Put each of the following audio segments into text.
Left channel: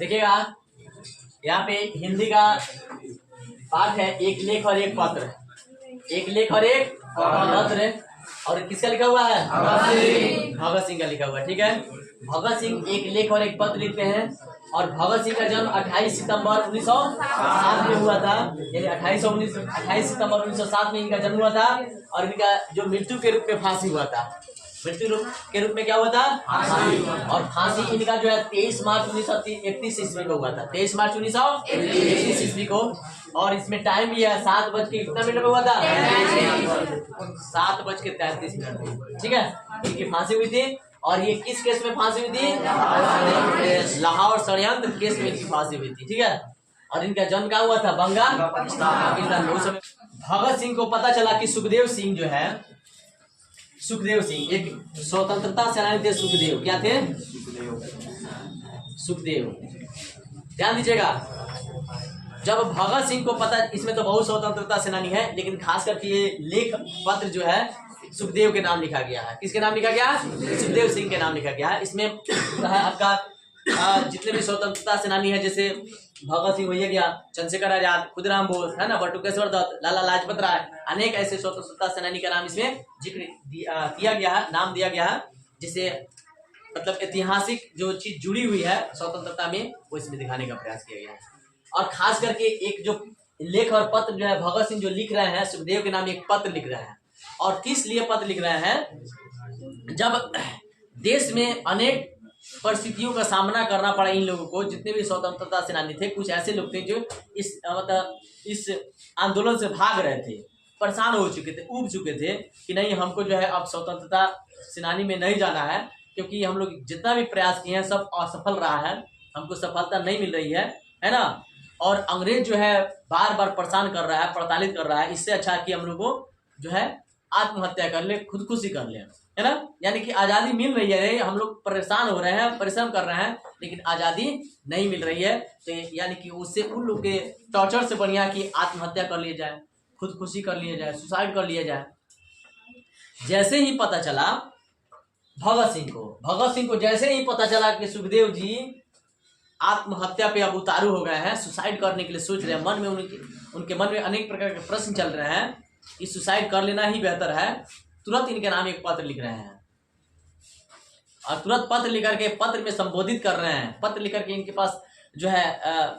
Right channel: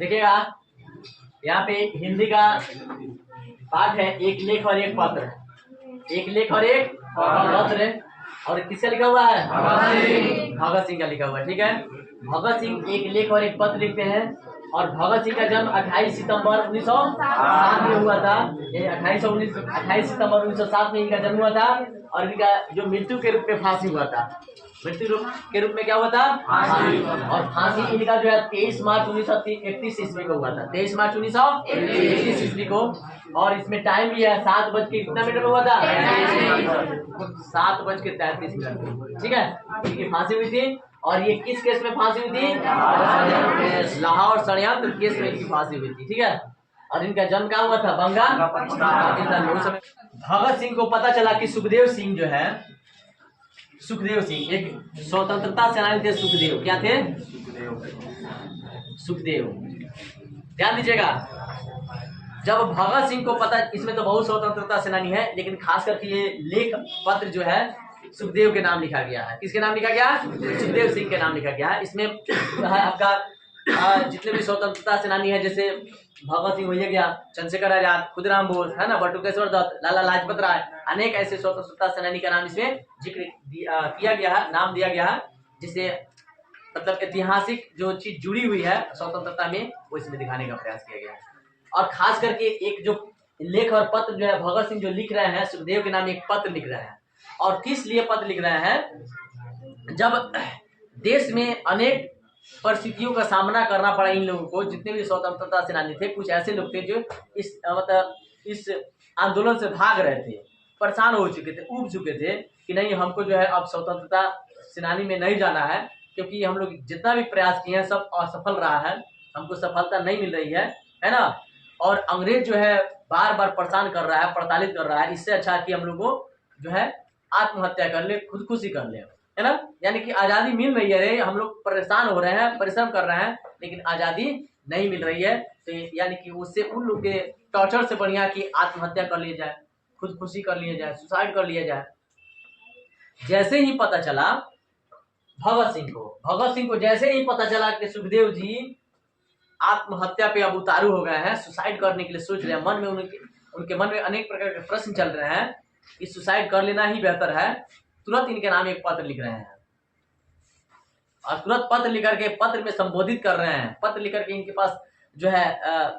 देखिएगा यहाँ पे हिंदी का पाठ है, एक लेख और एक पत्र। एक लेख और एक पत्र, और किसका लिखा हुआ है? भगत सिंह का लिखा हुआ है। ठीक है, भगत सिंह एक लेख और एक पत्र लिखते हैं। और भगत सिंह का जन्म 28 सितंबर 1907 में हुआ था। यानी 28 सितंबर 1907 में इनका जन्म हुआ था। और इनका जो मृत्यु के रूप में फांसी हुआ था, मृत्यु के रूप में क्या हुआ था? फांसी। और फांसी इनका जो है 23 मार्च 1931 ईस्वी को हुआ था। 23 मार्च 1931 ईस्वी को। और इसमें टाइम भी है 7 बज के कितना मिनट में हुआ था? 7:33। ठीक है, इनकी फांसी हुई थी। और ये किस केस में फांसी हुई थी? लाहौर षड्यंत्र केस में इनकी फांसी हुई थी। ठीक है, और इनका जन्म कहाँ हुआ था? बंगाल, पाकिस्तान में। उस समय भगत सिंह को पता चला कि सुखदेव सिंह जो है, सुखदेव सिंह एक स्वतंत्रता सेनानी थे। सुखदेव क्या थे? सुखदेव। ध्यान दीजिएगा, जब भगत सिंह को पता, इसमें तो बहुत स्वतंत्रता सेनानी है, लेकिन खास करके ये लेख पत्र जो है सुखदेव के नाम लिखा गया है। किसके नाम लिखा गया? सुखदेव सिंह के नाम लिखा गया है। इसमें आपका जितने भी स्वतंत्रता सेनानी है, जैसे भगत सिंह हो गया, चंद्रशेखर आजाद, खुदराम बोस है ना, बटुकेश्वर दत्त, लाला लाजपत राय, अनेक ऐसे स्वतंत्रता सेनानी का नाम इसमें जिक्र किया गया है, नाम दिया गया है, जिसे मतलब ऐतिहासिक जो चीज जुड़ी हुई है स्वतंत्रता में, वो इसमें दिखाने का प्रयास किया गया है। और खास करके एक जो लेख और पत्र जो है भगत सिंह जो लिख रहे हैं, सुखदेव के नाम एक पत्र लिख रहे हैं। और किस लिए पत्र लिख रहे हैं? जब देश में अनेक परिस्थितियों का सामना करना पड़ा इन लोगों को, जितने भी स्वतंत्रता सेनानी थे, कुछ ऐसे लोग थे जो इस आंदोलन से भाग रहे थे, परेशान हो चुके थे, ऊब चुके थे कि नहीं, हमको जो है अब स्वतंत्रता सेनानी में नहीं जाना है, क्योंकि हम लोग जितना भी प्रयास किए हैं सब असफल रहा है, हमको सफलता नहीं मिल रही है ना। और अंग्रेज जो है बार बार परेशान कर रहा है, प्रताड़ित कर रहा है। इससे अच्छा कि हम लोग को जो है आत्महत्या कर ले, खुदकुशी कर ले, है ना। यानी कि आज़ादी मिल रही है, हम लोग परेशान हो रहे हैं, परिश्रम कर रहे हैं, लेकिन आज़ादी नहीं मिल रही है। तो यानी कि उससे उन लोग के टॉर्चर से बढ़िया कि आत्महत्या कर लिया जाए, खुदकुशी कर लिया जाए, सुसाइड कर लिया जाए। जैसे ही पता चला भगत सिंह को जैसे ही पता चला कि सुखदेव जी आत्महत्या पे अब उतारू हो गए हैं, सुसाइड करने के लिए सोच रहे हैं, मन में उनके मन में अनेक प्रकार के प्रश्न चल रहे हैं कि सुसाइड कर लेना ही बेहतर है, तुरंत इनके नाम एक पत्र लिख रहे हैं। और तुरंत पत्र लिख करके पत्र में संबोधित कर रहे हैं। पत्र लिख करके इनके पास जो है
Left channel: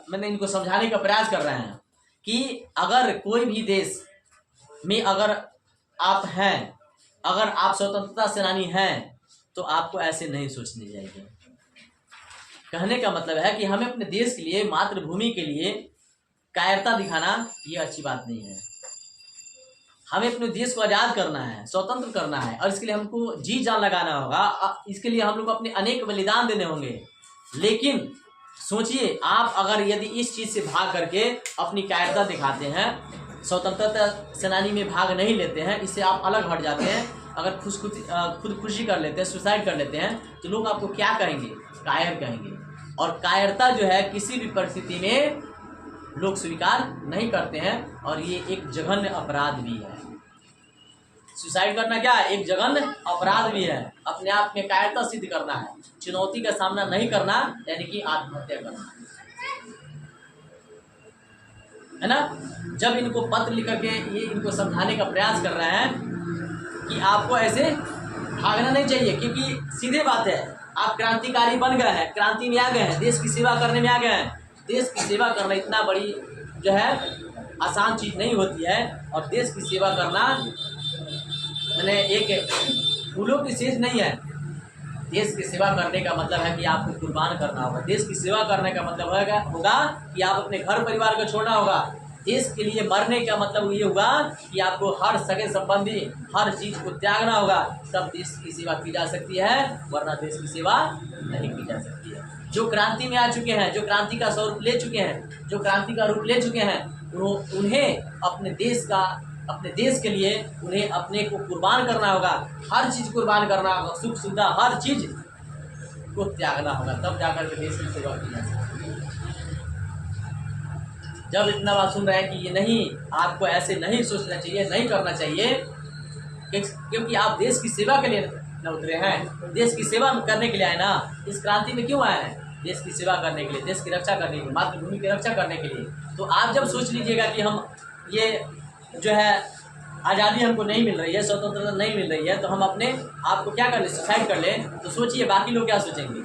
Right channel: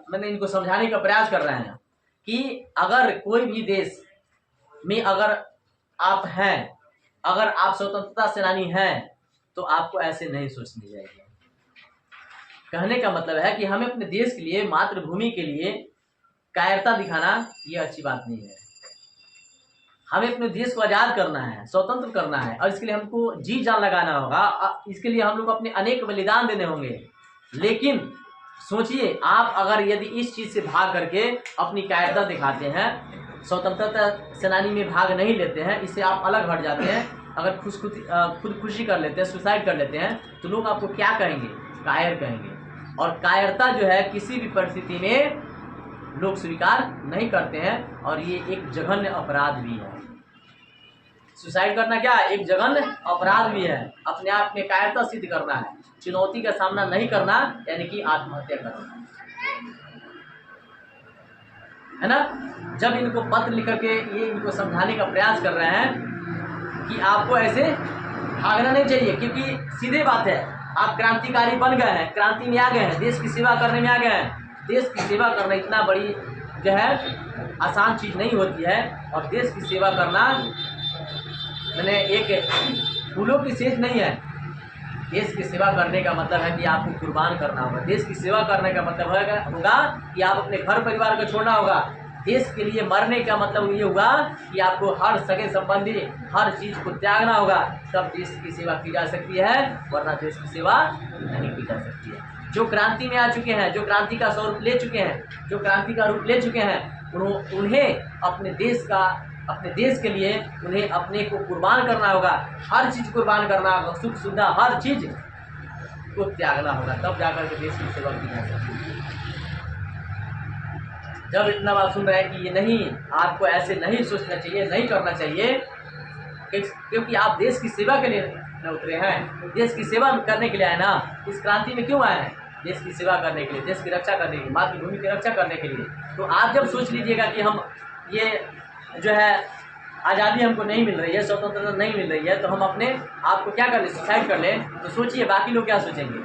मैंने इनको समझाने का प्रयास कर रहे हैं कि अगर कोई भी देश में अगर आप हैं, अगर आप स्वतंत्रता सेनानी हैं, तो आपको ऐसे नहीं सोचनी चाहिए। कहने का मतलब है कि हमें अपने देश के लिए, मातृभूमि के लिए कायरता दिखाना ये अच्छी बात नहीं है। हमें अपने देश को आज़ाद करना है, स्वतंत्र करना है, और इसके लिए हमको जी जान लगाना होगा। इसके लिए हम लोग अपने अनेक बलिदान देने होंगे। लेकिन सोचिए, आप अगर यदि इस चीज़ से भाग करके अपनी कायरता दिखाते हैं, स्वतंत्रता सेनानी में भाग नहीं लेते हैं, इससे आप अलग हट जाते हैं, अगर खुदकुशी कर लेते हैं, सुसाइड कर लेते हैं, तो लोग आपको क्या कहेंगे? कायर कहेंगे। और कायरता जो है किसी भी परिस्थिति में लोग स्वीकार नहीं करते हैं, और ये एक जघन्य अपराध भी है। सुसाइड करना क्या है? एक जघन्य अपराध भी है। अपने आप में कायरता सिद्ध करना है, चुनौती का सामना नहीं करना, यानी कि आत्महत्या करना है ना। जब इनको पत्र लिख करके ये इनको समझाने का प्रयास कर रहे हैं कि आपको ऐसे भागना नहीं चाहिए, क्योंकि सीधे बात है, आप क्रांतिकारी बन गए हैं, क्रांति में आ गए हैं, देश की सेवा करने में आ गए हैं। देश की सेवा करना इतना बड़ी जो है आसान चीज़ नहीं होती है। और देश की सेवा करना मैंने एक फूलों की सेज नहीं है। देश की सेवा करने का मतलब है कि आपको कुर्बान करना होगा। देश की सेवा करने का मतलब होगा कि आप अपने घर परिवार को छोड़ना होगा। देश के लिए मरने का मतलब ये होगा कि आपको हर सगे संबंधी, हर चीज़ को त्यागना होगा, तब देश की सेवा की जा सकती है, वरना देश की सेवा नहीं की जा सकती है। जो क्रांति में आ चुके हैं, जो क्रांति का स्वरूप ले चुके हैं, जो क्रांति का रूप ले चुके हैं, उन्हें अपने देश के लिए उन्हें अपने को कुर्बान करना होगा। हर चीज़ कुर्बान करना होगा, सुख सुविधा हर चीज़ को त्यागना होगा, तब जाकर के देश की सेवा की जा सकती है। जब इतना बात सुन रहे हैं कि ये नहीं, आपको ऐसे नहीं सोचना चाहिए, नहीं करना चाहिए, क्योंकि आप देश की सेवा के लिए न उतरे हैं। देश की सेवा करने के लिए आए ना, इस क्रांति में क्यों आए हैं? देश की सेवा करने के लिए, देश की रक्षा करने के लिए, मातृभूमि की रक्षा करने के लिए। तो आप जब सोच लीजिएगा कि हम ये जो है आज़ादी हमको नहीं मिल रही है, स्वतंत्रता नहीं मिल रही है, तो हम अपने आप को क्या कर लें, सुसाइड कर लें, तो सोचिए बाकी लोग क्या सोचेंगे।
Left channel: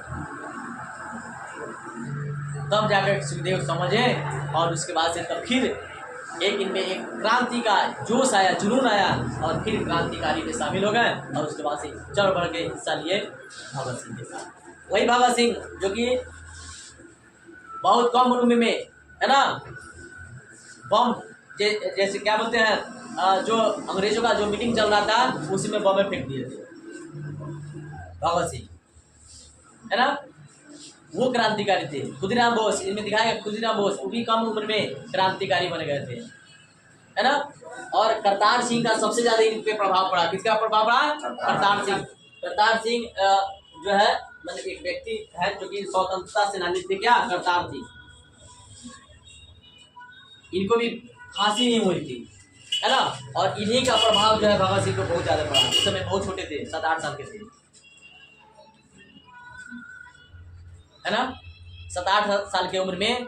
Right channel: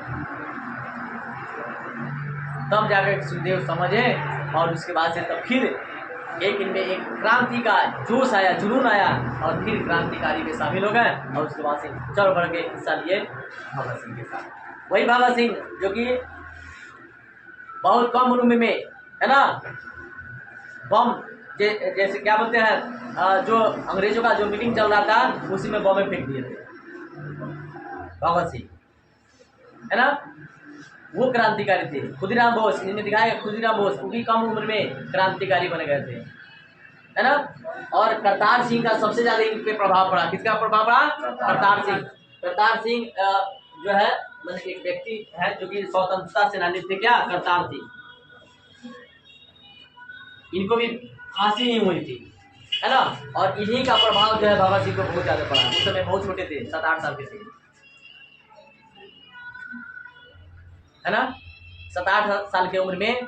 तब जाकर सुखदेव समझे और उसके बाद से तब फिर एक इनमें एक क्रांति का जोश आया, जुनून आया और फिर क्रांतिकारी में शामिल हो गए और उसके बाद से चढ़ बढ़ के हिस्सा लिए भगत सिंह के साथ। वही भगत सिंह जो कि बहुत कम उम्र में है ना, बम जैसे क्या बोलते हैं, जो अंग्रेजों का जो मीटिंग चल रहा था उसी में बम फेंक दिए थे भगत सिंह, है ना। वो क्रांतिकारी थे। खुदीराम बोस, इनमें दिखाया खुदीराम बोस, वो भी कम उम्र में क्रांतिकारी बन गए थे, है ना। और करतार सिंह का सबसे ज्यादा इन पे प्रभाव पड़ा। किसका प्रभाव पड़ा? करतार सिंह। करतार सिंह जो है मतलब एक व्यक्ति है जो कि स्वतंत्रता सेनानी थे। क्या? करतार सिंह। इनको भी फांसी नहीं हुई थी, है ना। और इन्हीं का प्रभाव जो है भगत सिंह को बहुत ज्यादा पड़ा। उस समय बहुत छोटे थे, 7-8 साल के थे, है ना। 7-8 साल की उम्र में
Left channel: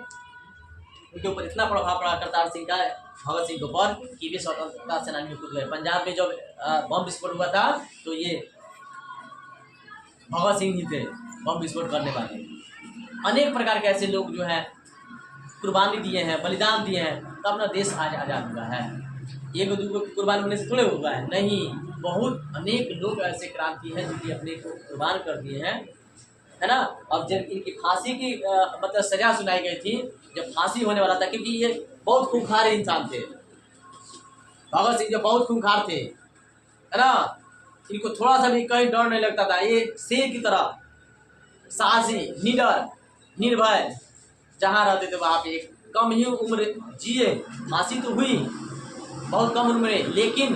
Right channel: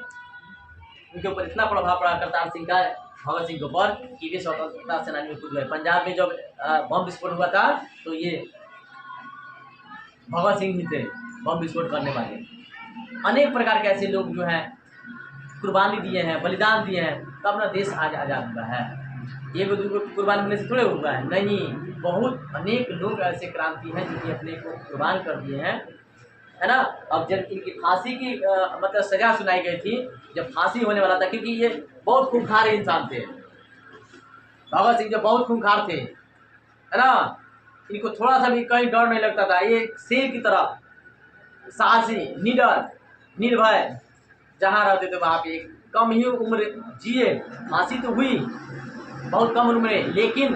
उनके ऊपर इतना प्रभाव पड़ा करतार सिंह का भगत सिंह के ऊपर कि वे स्वतंत्रता सेनानी में कूद गए। पंजाब में जब बम विस्फोट हुआ था तो ये भगत सिंह ही थे बम विस्फोट करने वाले। अनेक प्रकार के ऐसे लोग जो हैं कुर्बानी दिए हैं, बलिदान दिए हैं, तब अपना देश आज आज़ाद हुआ है। एक दो कुर्बान होने से थोड़े हुआ है, नहीं, बहुत अनेक लोग ऐसे क्रांति हैं जो कि अपने को कुर्बान कर दिए हैं, है ना। अब जब इनकी फांसी की मतलब सजा सुनाई गई थी, जब फांसी होने वाला था, क्योंकि ये बहुत खूंखार इंसान थे, भगत सिंह जो बहुत खूंखार थे, है ना। इनको थोड़ा सा भी कहीं डर नहीं लगता था। ये शेर की तरह साहसी, निडर, निर्भय, जहाँ रहते थे वहाँ पे कम ही उम्र जिए। फांसी तो हुई बहुत कम उम्र में, लेकिन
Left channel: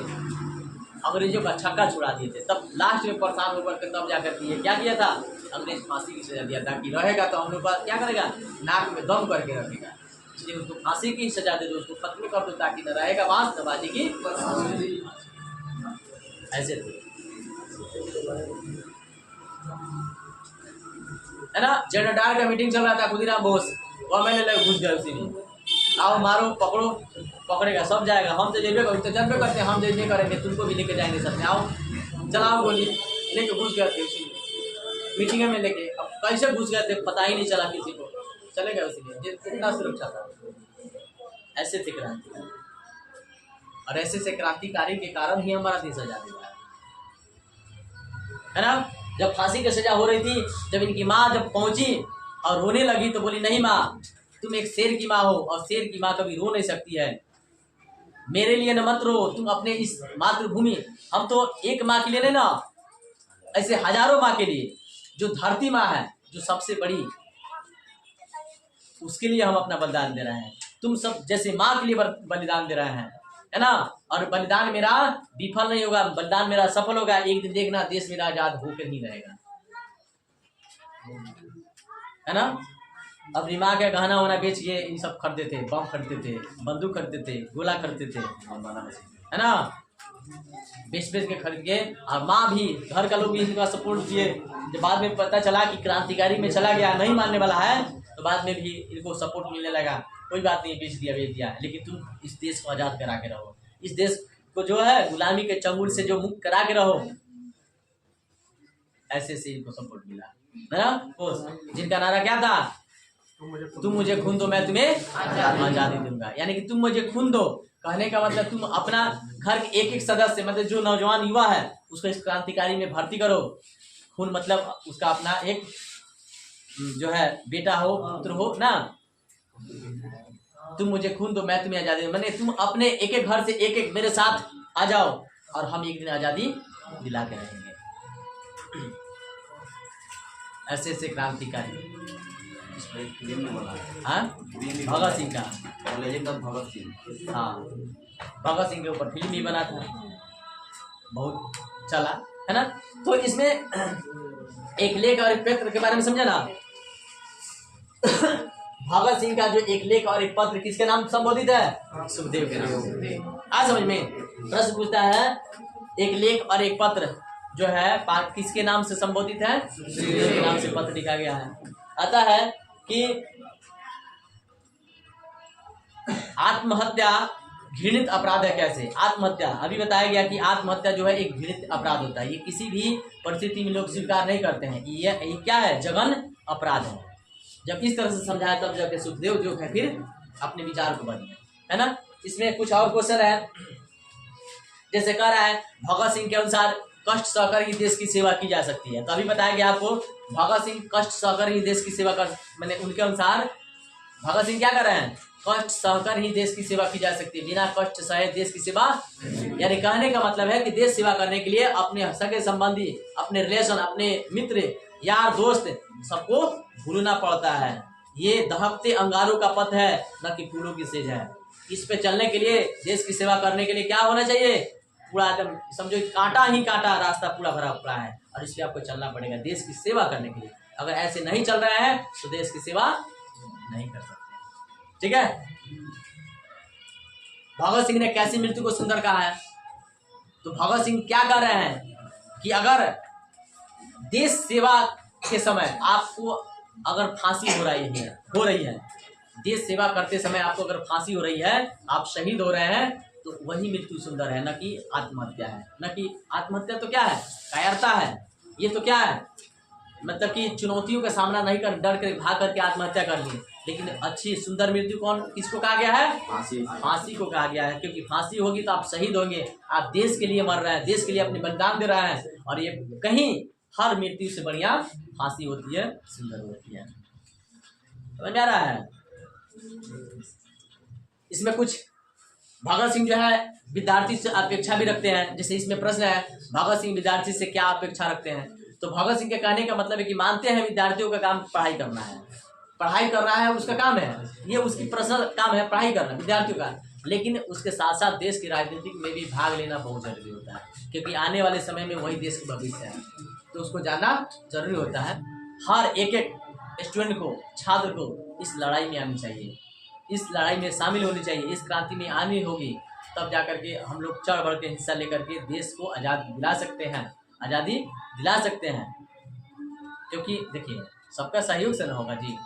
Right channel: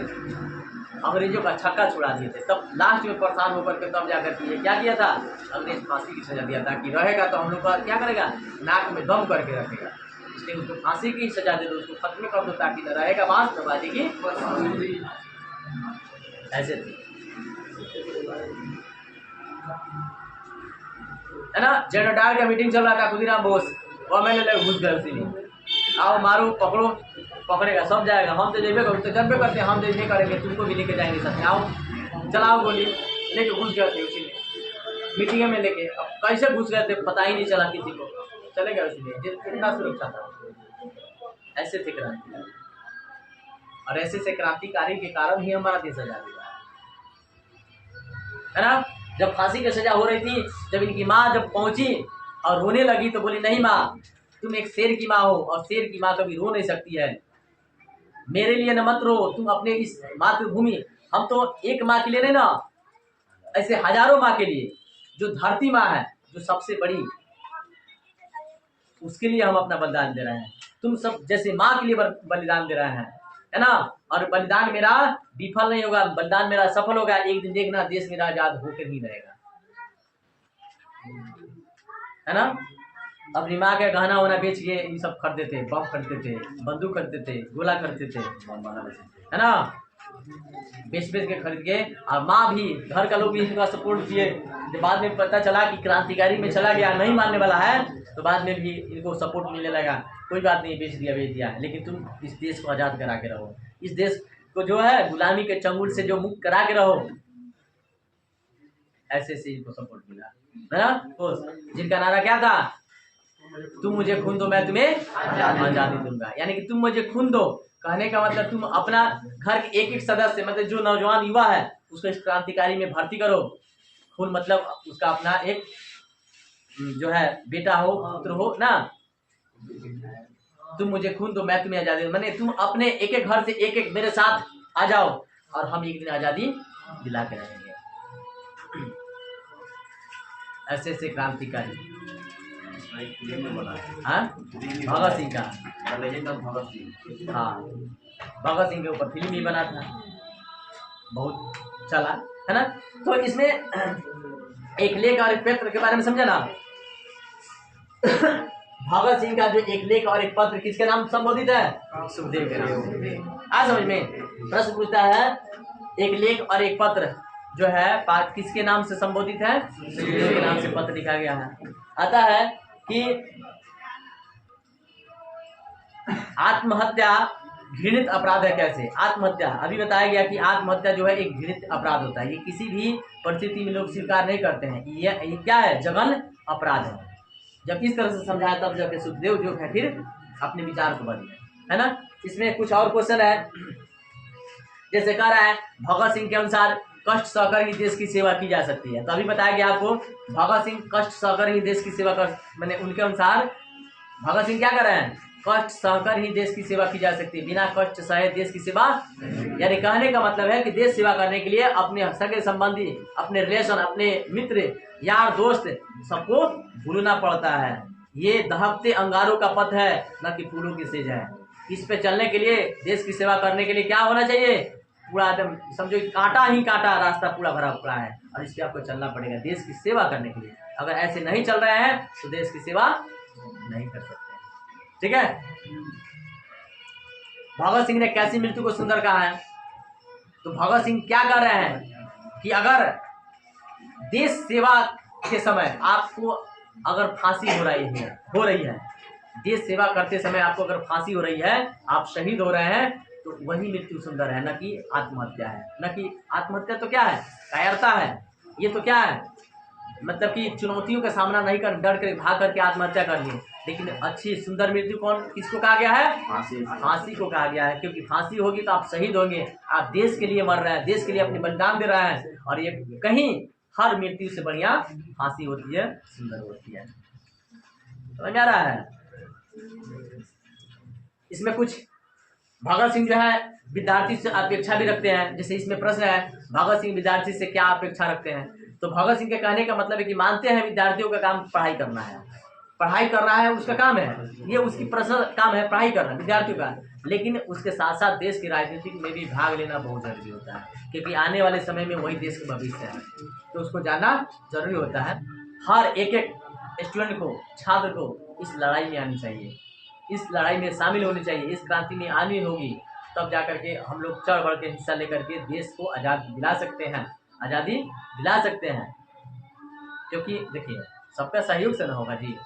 अंग्रेजों का छक्का छुड़ा दिए थे। तब लास्ट में परेशान होकर के तब जाकर के ये क्या किया था, अंग्रेज फांसी की सजा दिया था कि रहेगा तो हम लोग का क्या करेगा, नाक में दम करके रखेगा, इसलिए उसको फांसी की सजा दे दो, उसको खत्म कर दो, ताकि न रहेगा बांस न बाजेगी। ऐसे थे, है ना। जनरल का मीटिंग चल रहा था, खुदीराम बोस गवर्नमेंट ले घुस गए उसी में। आओ मारो पकड़ो, पकड़ेगा सब जाएगा, हम तो जेबे तो जब करते हैं, हम तो नहीं करेंगे, तुमको भी लेके जाएंगे साथ में, आओ चलाओ गोली, लेके घुस गए थे उसी में मीटिंग में लेके। अब कैसे घुस गए थे पता ही नहीं चला किसी को, चले गए उसी में, इतना सुरक्षा था। ऐसे थे क्रांतिकारी, और ऐसे से क्रांतिकारी के कारण ही हमारा देश आजाद हुआ है ना। जब फांसी की सजा हो रही थी, जब इनकी माँ जब पहुंची और रोने लगी तो बोली, नहीं माँ, तुम एक शेर की माँ हो और शेर की माँ कभी रो नहीं सकती है, मेरे लिए न मत रो, तुम अपने इस मातृभूमि, हम तो एक माँ के लिए नहीं ना, ऐसे हजारों माँ के लिए, जो धरती माँ है, जो सबसे बड़ी, उसके लिए हम अपना बलिदान दे रहे हैं। तुम सब जैसे माँ के लिए बलिदान दे रहे हैं, है ना। और बलिदान मेरा विफल नहीं होगा, बलिदान मेरा सफल होगा। एक दिन देखना देश मेरा आजाद होकर ही रहेगा, है ना। अपनी माँ का गहना वहना बेच के ये सब खरीदते थे, बम खरीदते थे, बंदूक खरीदते थे, गोला खरीदते थे, है ना, बेच के खरीद के। और माँ भी, घर का लोग भी इनका सपोर्ट किए। जब बाद में पता चला कि क्रांतिकारी में चला गया, नहीं मानने वाला है, तो बाद में भी इनको सपोर्ट मिलने लगा। कोई बात नहीं, बेच दिया, लेकिन तुम इस देश को आज़ाद करा के रहो, इस देश को जो है गुलामी के चंगुल से जो मुक्त करा के रहो। ऐसे से इनको सपोर्ट मिला, है ना। जिनका नारा क्या था, तुम मुझे खून दो मैं तुम्हें आजादी दूंगा। यानी कि तुम मुझे खून दो, कहने का मतलब तुम अपना घर के एक एक सदस्य, मतलब जो नौजवान युवा है उसको इस क्रांतिकारी में भर्ती करो। खून मतलब उसका अपना एक जो है बेटा हो, पुत्र हो ना। तुम मुझे खून दो मैं तुम्हें आजादी दूंगा, मैंने तुम अपने एक एक घर से एक एक मेरे साथ आ जाओ और हम एक दिन आजादी दिला के रहेंगे। ऐसे क्रांतिकारी भगत सिंह का, भगत सिंह, हाँ, भगत सिंह के ऊपर फिल्म ही बना था, बहुत चला, है ना। तो इसमें एक लेख और एक पत्र के बारे में समझा ना। भगत सिंह का जो एक लेख और एक पत्र किसके नाम संबोधित है? सुखदेव के नाम। आज समझ में प्रश्न पूछता है, एक लेख और एक पत्र जो है किसके नाम से संबोधित है? सुखदेव के नाम से पत्र लिखा गया है। आता है कि आत्महत्या घृणित अपराध है। कैसे आत्महत्या? अभी बताया गया कि आत्महत्या जो है एक घृणित अपराध होता है। ये किसी भी परिस्थिति में लोग स्वीकार नहीं करते हैं। ये क्या है? जघन्य अपराध है। जब इस तरह से समझाया तब जाके सुखदेव जो है फिर अपने विचार को बदले, है ना। इसमें कुछ और क्वेश्चन है, जैसे कह रहा है भगत सिंह के अनुसार कष्ट सहकर ही देश की सेवा की जा सकती है। तो अभी बताया गया आपको भगत सिंह कष्ट सहकर ही देश की सेवा कर, मैंने उनके अनुसार भगत सिंह क्या कर रहे हैं? कष्ट सहकर ही देश की सेवा की जा सकती है। बिना कष्ट सहे देश की सेवा, यानी कहने का मतलब है कि देश सेवा करने के लिए अपने सगे संबंधी, अपने रिलेशन, अपने मित्र, यार, दोस्त सबको भूलना पड़ता है। ये दहकते अंगारों का पथ है, न कि फूलों की सेज है। इस पे चलने के लिए, देश की सेवा करने के लिए क्या होना चाहिए? पूरा एकदम समझो कांटा ही कांटा रास्ता पूरा भरा पड़ा है और इस पे आपको चलना पड़ेगा देश की सेवा करने के लिए। अगर ऐसे नहीं चल रहे हैं तो देश की सेवा नहीं कर सकते। ठीक है। भगत सिंह ने कैसी मृत्यु को सुंदर कहा है? तो भगत सिंह क्या कर रहे हैं कि अगर देश सेवा के समय आपको अगर फांसी हो रही है, देश सेवा करते समय आपको अगर फांसी हो रही है, आप शहीद हो रहे हैं, तो वही मृत्यु सुंदर है, न कि आत्महत्या है। न कि आत्महत्या तो क्या है? कायरता है। ये तो क्या है? मतलब कि चुनौतियों का सामना नहीं कर, डर कर भाग करके आत्महत्या कर लिए। लेकिन अच्छी सुंदर मृत्यु किसको कहा गया है? फांसी को कहा गया है। क्योंकि फांसी होगी तो आप शहीद होंगे, आप देश के लिए मर रहे हैं, देश के लिए अपने बलिदान दे रहे हैं। और ये कहीं हर मृत्यु से बढ़िया फांसी होती है, सुंदर होती है। समझ आ रहा है? इसमें कुछ भगत सिंह जो है विद्यार्थी से अपेक्षा भी रखते हैं। जैसे इसमें प्रश्न है भगत सिंह विद्यार्थी से क्या अपेक्षा रखते हैं? तो भगत सिंह के कहने का मतलब है कि मानते हैं विद्यार्थियों का काम पढ़ाई करना है, पढ़ाई कर रहा है उसका काम है, ये उसकी पर्सनल काम है पढ़ाई करना विद्यार्थियों का। लेकिन उसके साथ साथ देश की राजनीति में भी भाग लेना बहुत जरूरी होता है, क्योंकि आने वाले समय में वही देश का भविष्य है, तो उसको जानना जरूरी होता है। हर एक स्टूडेंट को, छात्र को इस लड़ाई में आनी चाहिए, इस लड़ाई में शामिल होनी चाहिए, इस क्रांति में आनी होगी, तब जाकर के हम लोग चढ़ बढ़ के हिस्सा लेकर के देश को आज़ादी दिला सकते हैं, आज़ादी दिला सकते हैं। क्योंकि देखिए सबका सहयोग से ना होगा जी,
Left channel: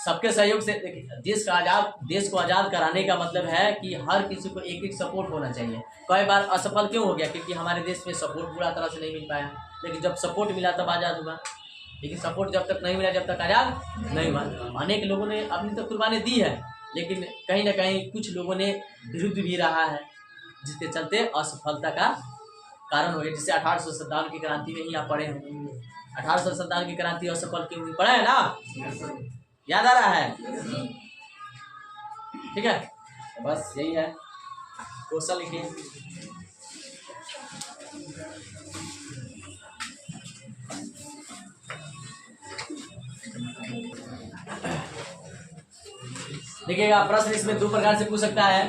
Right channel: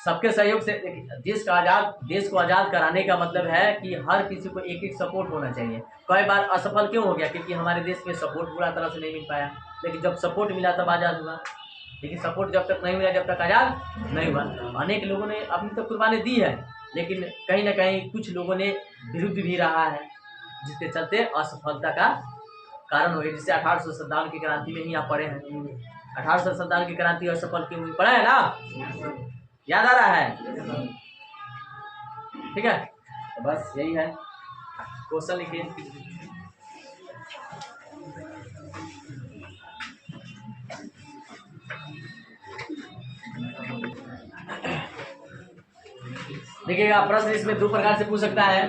सबके सहयोग से। देखिए देश को आज़ाद कराने का मतलब है कि हर किसी को एक एक सपोर्ट होना चाहिए। कई बार असफल क्यों हो गया? क्योंकि हमारे देश में सपोर्ट पूरा तरह से नहीं मिल पाया। लेकिन जब सपोर्ट मिला तब आज़ाद हुआ, लेकिन सपोर्ट जब तक नहीं मिला, जब तक आज़ाद नहीं हुआ। अनेक लोगों ने अपनी तो कुर्बानी दी है, लेकिन कहीं ना कहीं कुछ लोगों ने विरुद्ध भी रहा है, जिसके चलते असफलता का कारण हो गया। जिससे 1857 की क्रांति में ही आप पढ़े हैं, 1857 की क्रांति असफल क्यों हुई, पढ़ा है ना? याद आ रहा है? ठीक है, तो बस यही है। क्वेश्चन लिखिए। देखिएगा प्रश्न इसमें दो प्रकार से पूछ सकता है।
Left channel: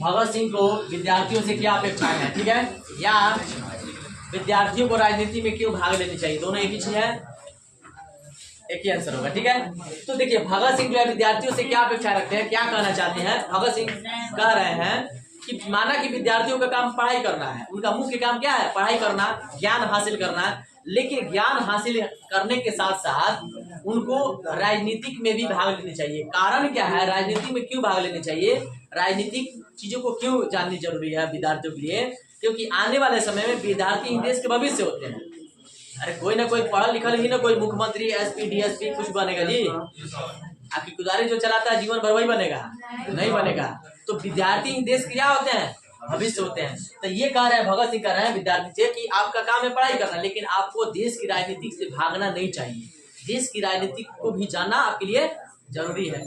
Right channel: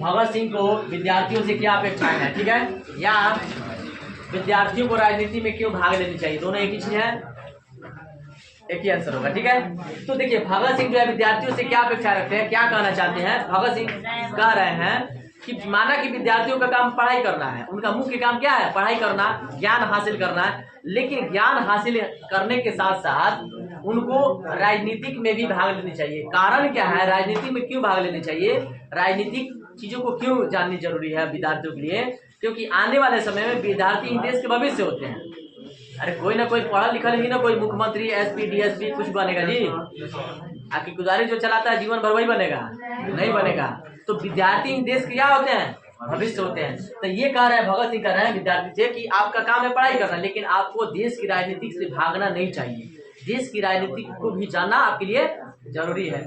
भगत सिंह को विद्यार्थियों से क्या अपेक्षाएं हैं, ठीक है, या विद्यार्थियों को राजनीति में क्यों भाग लेनी चाहिए, दोनों एक ही चीज है, एक ही आंसर होगा। ठीक है, तो देखिए भगत सिंह जो है विद्यार्थियों से क्या अपेक्षा रखते हैं, क्या कहना चाहते हैं? भगत सिंह कह रहे हैं कि माना कि विद्यार्थियों का काम पढ़ाई करना है, उनका मुख्य काम क्या है? पढ़ाई करना, ज्ञान हासिल करना है। लेकिन ज्ञान हासिल करने के साथ साथ उनको राजनीतिक में भी भाग लेनी चाहिए। कारण क्या है? राजनीति में क्यों भाग लेनी चाहिए, राजनीतिक चीजों को क्यों जाननी जरूरी है विद्यार्थियों के लिए? क्योंकि आने वाले समय में विद्यार्थी ही देश के भविष्य होते हैं। अरे कोई ना कोई पढ़ा लिखा ही ना कोई मुख्यमंत्री, एसपी, डीएसपी कुछ बनेगा जी? आपकी गुजारी जो चलाता है जीवन भर वही बनेगा? नहीं बनेगा। तो विद्यार्थी देश के क्या होते हैं? भविष्य होते हैं। तो ये कह रहे हैं भगत सिंह, कह रहे हैं विद्यार्थी से कि आपका काम है पढ़ाई करना, लेकिन आपको देश की राजनीति से भागना नहीं चाहिए। देश की राजनीति को भी जानना आपके लिए जरूरी है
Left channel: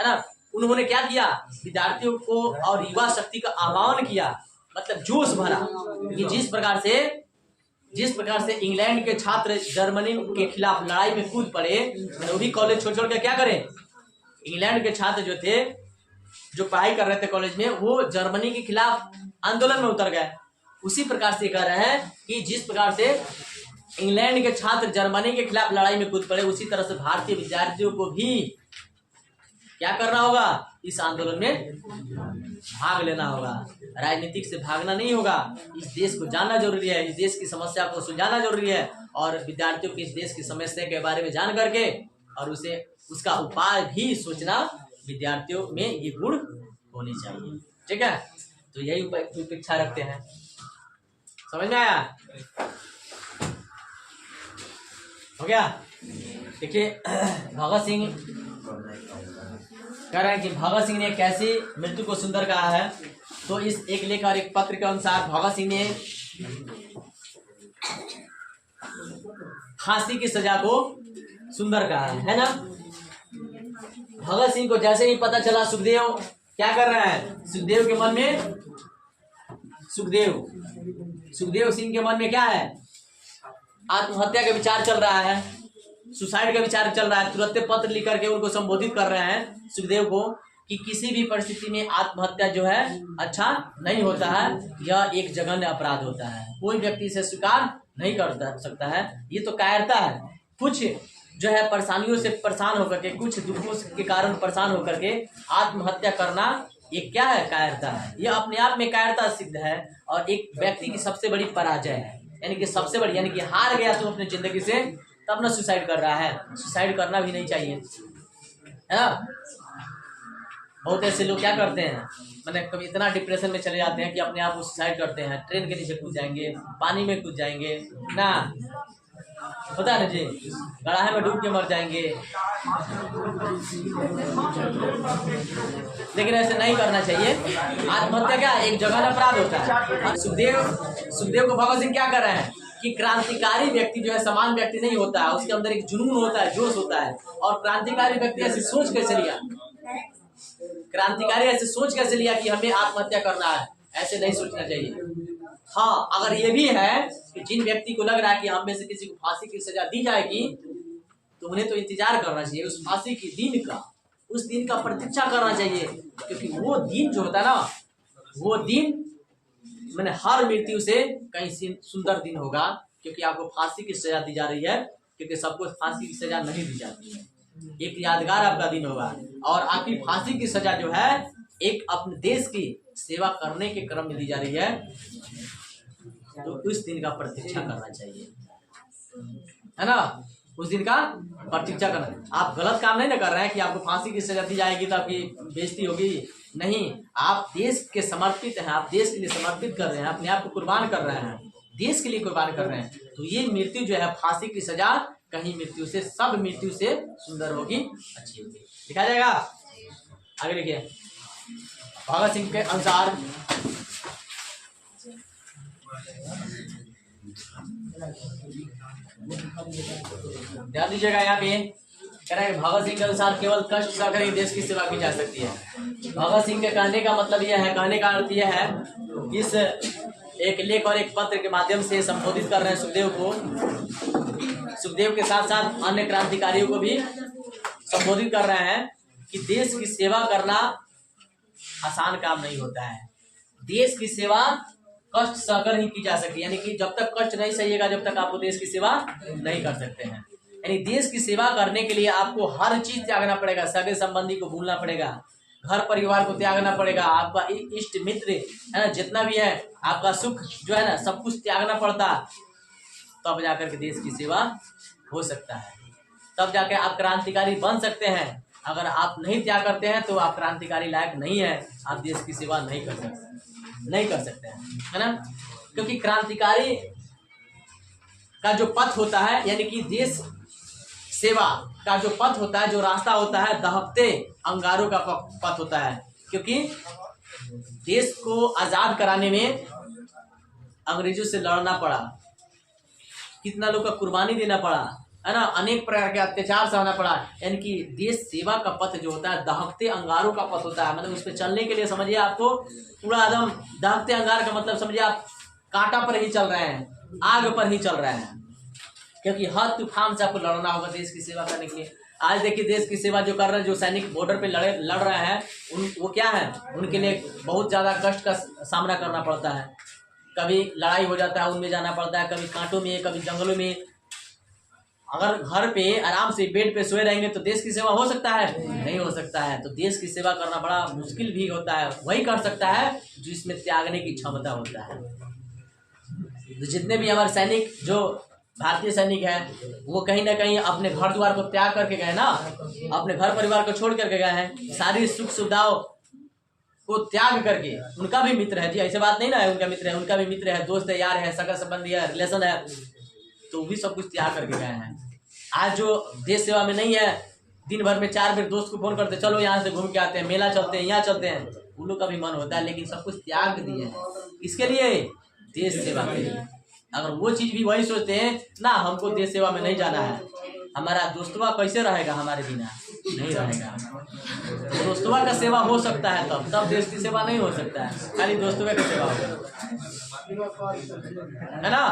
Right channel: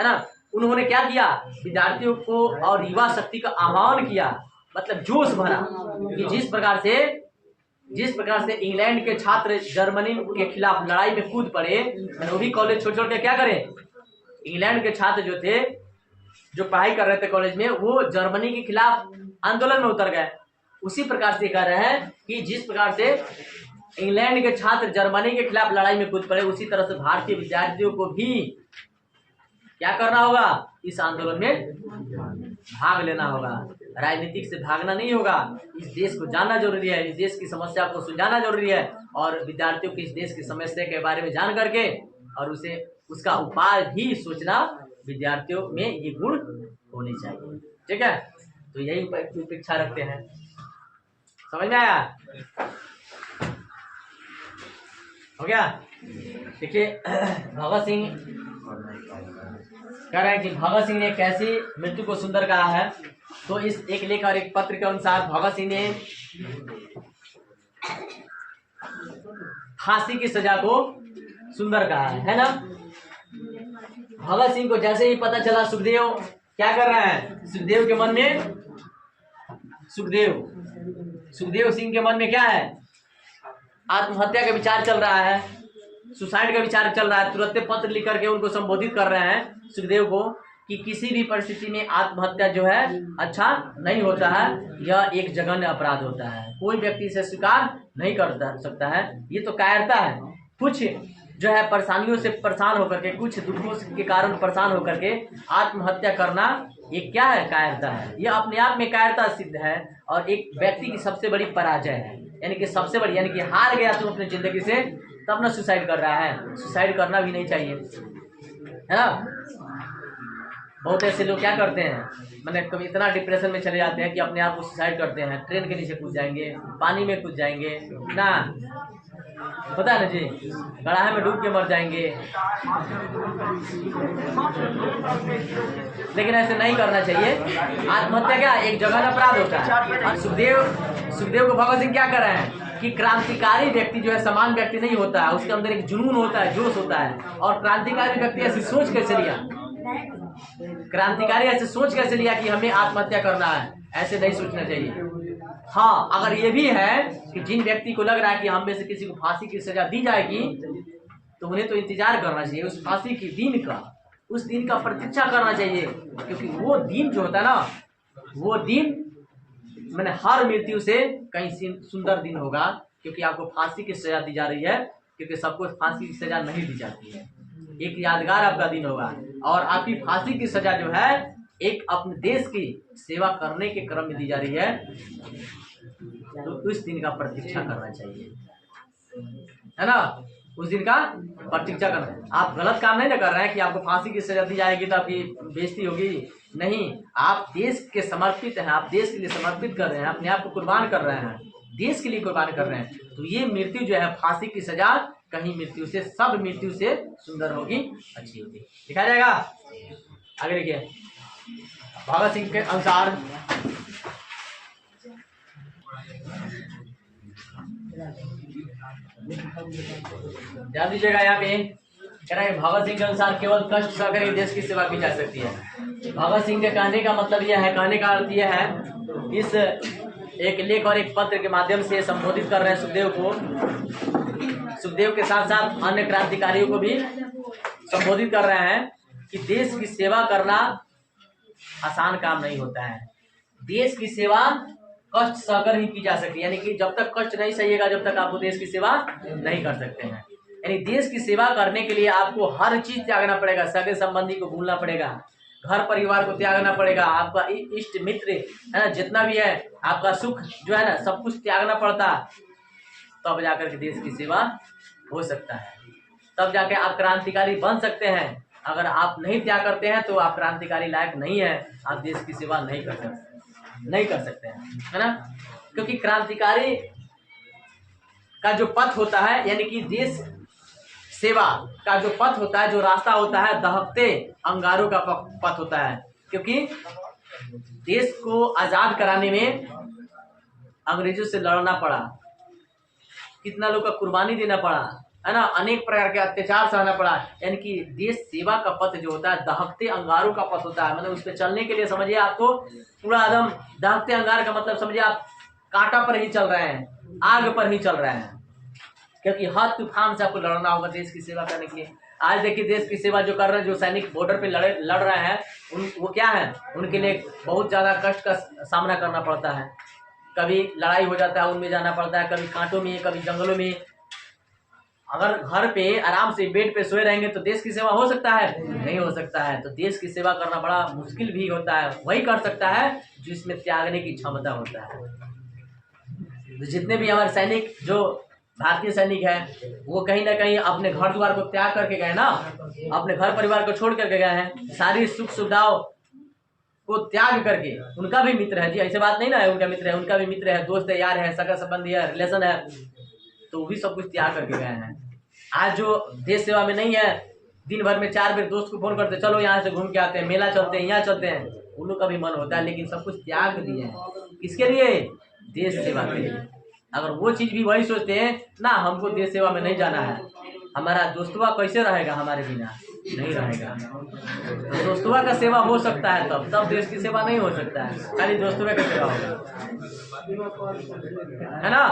ना। उन्होंने क्या किया? विद्यार्थियों को और युवा शक्ति का आह्वान किया, मतलब जोश भरा कि जिस प्रकार से इंग्लैंड के छात्र जर्मनी के खिलाफ लड़ाई में कूद पड़े, वो भी कॉलेज छोड़ के क्या करें? इंग्लैंड के छात्र जो थे, जो पढ़ाई कर रहे थे कॉलेज में, वो जर्मनी के खिलाफ आंदोलन में उतर गए। उसी प्रकार से कह रहे हैं कि जिस प्रकार से इंग्लैंड के छात्र जर्मनी के खिलाफ लड़ाई में कूद पड़े, उसी तरह से भारतीय विद्यार्थियों को भी क्या करना होगा? इस आंदोलन में भाग लेना होगा, राजनीतिक से भागना नहीं होगा। इस देश को जानना जरूरी है, इस देश की समस्या को सुलझाना जरूरी है और विद्यार्थियों को इस देश की समस्या के बारे में जान करके और उसे उसका उपाय भी सोचना विद्यार्थियों में ये गुण होनी चाहिए। ठीक है, तो यही उपेक्षा रखते हैं। समझ में आया? हो गया? देखिए भगत सिंह कह रहे हैं कि भगत सिंह ने कैसी मृत्यु को सुंदर कहा है। तो इस एक लेख और एक पत्र के अनुसार भगत सिंह ने फांसी की सजा को सुंदर कहा है ना। भगत सिंह को जैसे ही पता चला सुखदेव क्या कर रहा है, सुखदेव के मन में सुखदेव सिंह के मन में क्या है, आत्महत्या का विचार चल रहा है, सुसाइड का विचार चल रहा है। तुरंत पत्र लिख करके उनको संबोधित कर रहे हैं सुखदेव को कि किसी भी परिस्थिति में आत्महत्या जो है अच्छा नहीं होता है, यह एक जघन्य अपराध होता है, कोई व्यक्ति इसे स्वीकार नहीं कर सकता है, ये तो कायरता है। कुछ जो है परेशानियों से परेशान होकर के, कुछ दुखों के कारण परेशान होकर के आत्महत्या करना ये क्या है, कायरता है। ये अपने आप में कायरता सिद्ध है और एक व्यक्ति की सबसे बड़ी पराजय है, यानी कि सबसे बड़ी, यानी कि हार गया तुम अपनी जिंदगी से तब ना सुसाइड कर रहा है। सुसाइड करना भी नहीं चाहिए, है ना। बहुत ऐसे लोग क्या करते हैं, मैंने कभी इतना डिप्रेशन में चले जाते हैं कि अपने आप को सुसाइड करते हैं, ट्रेन के नीचे कूद जाएंगे, पानी में कूद जाएंगे ना, पता है ना जी, गड्ढे में डूब के मर जाएंगे। लेकिन ऐसे नहीं करना चाहिए। आत्महत्या क्या एक जघन्य अपराध होता है। और सुखदेव को भगत सिंह क्या कर रहे हैं कि क्रांतिकारी व्यक्ति जो है सामान्य व्यक्ति नहीं होता है, उसके अंदर एक जुनून होता है, जोश होता है। और क्रांतिकारी व्यक्ति ऐसी सोच कैसे लिया, क्रांतिकारी ऐसे सोच कैसे लिया कि हमें आत्महत्या करना है, ऐसे नहीं सोचना चाहिए। हाँ, अगर ये भी है कि जिन व्यक्ति को लग रहा है कि हम में से किसी को फांसी की सजा दी जाएगी, तो उन्हें तो इंतजार करना चाहिए उस फांसी के दिन का, उस दिन का प्रतीक्षा करना चाहिए। क्योंकि वो दिन जो होता है ना, वो दिन मैंने हर मृत्यु से कहीं सुंदर दिन होगा। क्योंकि आपको फांसी की सजा दी जा रही है, क्योंकि सबको फांसी की सजा नहीं दी जाती है। एक यादगार आपका दिन होगा और आपकी फांसी की सजा जो है एक अपने देश की सेवा करने के क्रम में दी जा रही है, तो उस दिन का प्रतीक्षा करना चाहिए, है ना। उस दिन का प्रतीक्षा करना। आप गलत काम नहीं ना कर रहे हैं कि आपको फांसी की सजा दी जाएगी तो आपकी बेइज्जती होगी, नहीं। आप देश के समर्पित हैं, आप देश के लिए समर्पित कर रहे हैं, अपने आप को कुर्बान कर रहे हैं, देश के लिए कुर्बान कर रहे हैं। तो ये मृत्यु जो है फांसी की सजा कहीं मृत्यु से, सब मृत्यु से सुंदर होगी, अच्छी होगी। दिखाया जाएगा आगे। देखिए भगत सिंह के अनुसार ध्यान दीजिएगा, यहाँ पे कह रहे हैं भगत सिंह के अनुसार केवल कष्ट सहकर ही देश की सेवा की जा सकती है। भगत सिंह के कहने का मतलब यह है, कहने का अर्थ यह है, इस एक लेख और एक पत्र के माध्यम से संबोधित कर रहे हैं सुखदेव को, सुखदेव के साथ साथ अन्य क्रांतिकारियों को भी संबोधित कर रहे हैं कि देश की सेवा करना आसान काम नहीं होता है। देश की सेवा कष्ट सहकर ही की जा सकती है, यानी कि जब तक कष्ट नहीं सहिएगा जब तक आपको देश की सेवा नहीं कर सकते हैं। यानी देश की सेवा करने के लिए आपको हर चीज त्यागना पड़ेगा, सगे संबंधी को भूलना पड़ेगा, घर परिवार को त्यागना पड़ेगा, आपका इष्ट मित्र है ना, जितना भी है आपका सुख जो है ना, सब कुछ त्यागना पड़ता, तब जाकर के देश की सेवा हो सकता है, तब जाके आप क्रांतिकारी बन सकते हैं। अगर आप नहीं त्याग करते हैं तो आप क्रांतिकारी लायक नहीं है, आप देश की सेवा नहीं कर सकते हैं, है ना। क्योंकि क्रांतिकारी का जो पथ होता है, यानी कि देश सेवा का जो पथ होता है, जो रास्ता होता है, दहकते अंगारों का पथ होता है। क्योंकि देश को आजाद कराने में अंग्रेजों से लड़ना पड़ा, कितना लोग का कुर्बानी देना पड़ा, है ना, अनेक प्रकार के अत्याचार सहना पड़ा। यानी कि देश सेवा का पथ जो होता है दहकते अंगारों का पथ होता है। मतलब उस पर चलने के लिए समझिए आपको पूरा एकदम दहकते अंगार का मतलब समझिए आप कांटा पर ही चल रहे हैं, आग पर ही चल रहे हैं, क्योंकि हर तूफान से आपको लड़ना होगा देश की सेवा करने के लिए। आज देखिए देश की सेवा जो कर रहे हैं, जो सैनिक बॉर्डर पे लड़ रहे हैं, वो क्या है, उनके लिए बहुत ज़्यादा कष्ट का सामना करना पड़ता है। कभी लड़ाई हो जाता है, उनमें जाना पड़ता है, कभी कांटों में, कभी जंगलों में, अगर घर पे आराम से बेड पे सोए रहेंगे तो देश की सेवा हो सकता है? नहीं हो सकता है। तो देश की सेवा करना बड़ा मुश्किल भी होता है। वही कर सकता है जो इसमें त्यागने की क्षमता होता है। तो जितने भी हमारे सैनिक जो भारतीय सैनिक है वो कहीं ना कहीं अपने घर द्वार को त्याग करके गए ना, अपने घर परिवार को छोड़ करके गए हैं, सारी सुख सुविधाओं को त्याग करके। उनका भी मित्र है जी, ऐसे बात नहीं ना है, उनका मित्र है, उनका भी मित्र है, दोस्त है, यार है, सगा संबंधी है, रिलेशन है, तो भी सब कुछ त्याग करके गए हैं। आज जो देश सेवा में नहीं है, दिन भर में 4 बार दोस्त को फोन करते चलो यहाँ से घूम के आते हैं, मेला चलते हैं, यहाँ चलते हैं, उन लोग का भी मन होता है, लेकिन सब कुछ त्याग दिए हैं। किसके लिए? देश सेवा के लिए। अगर वो चीज भी वही सोचते हैं ना, हमको देश सेवा में नहीं जाना है, हमारा दोस्तवा कैसे रहेगा हमारे बिना? नहीं रहेगा। तो दोस्तवा का सेवा हो सकता है तब देश की सेवा नहीं हो सकता है, खाली दोस्तवा का सेवा होगा, है ना।